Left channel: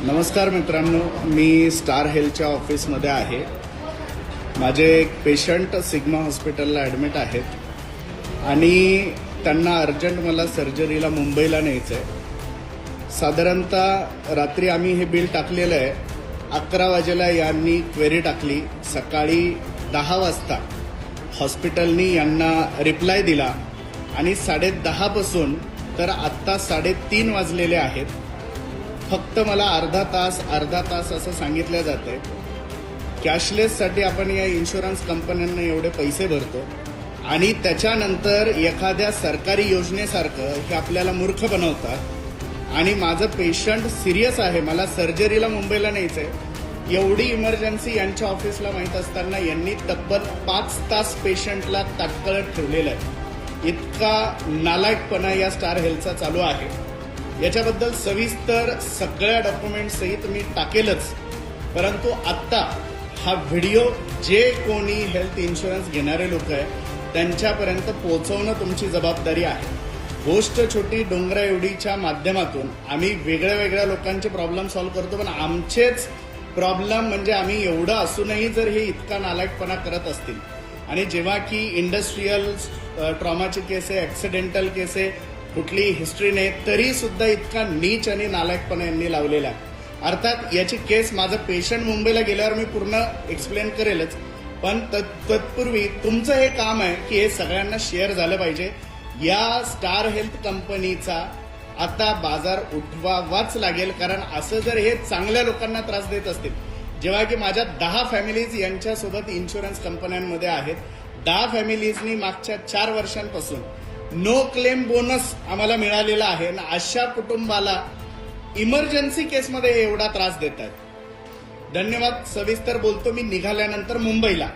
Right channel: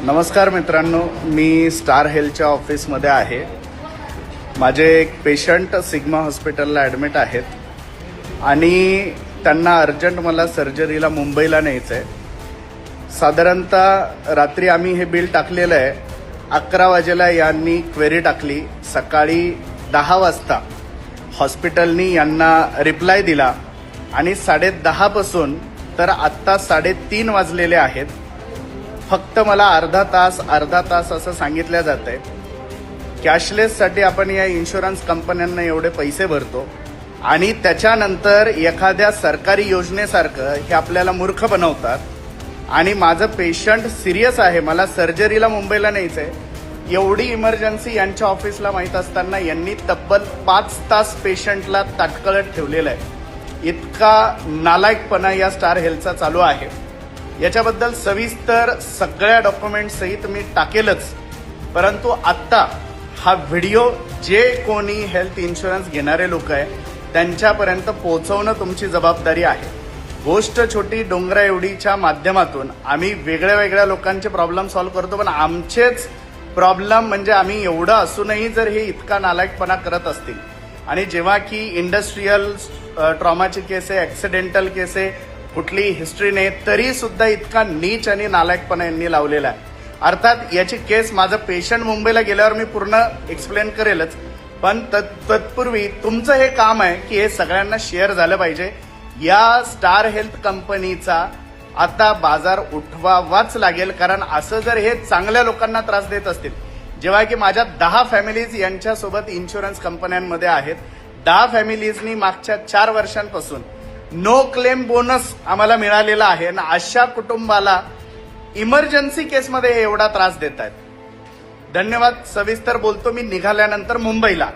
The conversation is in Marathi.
नमस्कार मित्रांनो, मी स्टार हेल्थच्या ऑफिसमध्ये आहे. माझे एक पेशंट सिग्मा हॉस्पिटलला ॲडमिट आहेत आणि त्यांना अर्जंट मला सर्जरीला मुंबईला न्यायचं आहे. साधारणतः रात्री आम्ही हे बिल टाकलेलं आहे. 11 वाजेला यांनी क्वेरी टाकली. सकाळी 10 वाजता हॉस्पिटलनी यांना रिप्लाय दिला आणि 10:30 पासून तर आत्ता 3:30 वाजलेले आहेत. फक्त मला अर्धा तास असं सांगितलं जात आहे. कॅशलेससाठी आपण या इन्शुरन्स कंपन्यांना एवढे पैसे भरतो आणि त्याच्यानंतर एखाद्या सरकारी योजनेसारखं हे आपल्याला मूर्ख बनवतात आणि माझं पेशंट सिरियस आहे, मला सर्जरीला मुंबईला न्यायचंय. एवढी इमर्जन्सी यांच्या ऑफिसला माहीत असताना यांनी तब्बल 5 तास पेशंटला ताटकळत ठेवलेलं आहे. इतका नालायकपणा या स्टार हेल्थचा चालू आहे. याच्याबद्दल सविस्तर सगळ्या डॉक्युमेंट सहित मी टाकेलच, परंतु आत्ता हा व्हिडिओ जे कोणी हेल्थ इन्शुरन्स घेणारे लोक आहे त्यांच्यापर्यंत पोहोचवणं तुमची जबाबदारी आहे. गोष्ट छोटी डोंगरा एवढीच्या माध्यमातून आम्ही वेगळ्या लोकांचे प्रॉब्लेम सॉल्व्ह करतो, पण आमचेच प्रॉब्लेम म्हणजे आम्ही एवढं असूनही जर हे इतका नालायकपणा करत असतील आणि जेव्हा की इंडस्ट्रीयल ट्रॉमाची केस आहे, ऍक्सिडेंटल केस आहे, कुठली हिस्ट्री नाही, तरी सुद्धा इतका नीच आणि नालायकपणा यांनी लावलेला आहे. अर्थात याची केस माझं पेशंट मुंबईला गेल्यावर मी पूर्ण एक्सप्लेन करेलच, पण तत्पूर्वी तुमचं हे काम आहे की हे सगळ्यांना शेअर झालं पाहिजे. या स्टार हेल्थ कंपनीचा आता बाजार उठवावाच लागेल, कारण असं जर हे चांगल्या लोकांना त्रास देत असतील, जेव्हा की माझ्या 10 फॅमिलीज यांच्यासोबत इन्शुरन्स कंपन्यांमध्ये आहेत. 10 फॅमिलीजनी मागच्या 4 वर्षांपासून नो क्लेम बोनस आम्हाला मिळालेला आहे आणि अशा कुटुंबाला इमर्जन्सी केसमध्ये एवढा त्रास देत आहेत. धन्यवाद. सविस्तर बोलतो मी निघाल्यानंतर मुंबईला.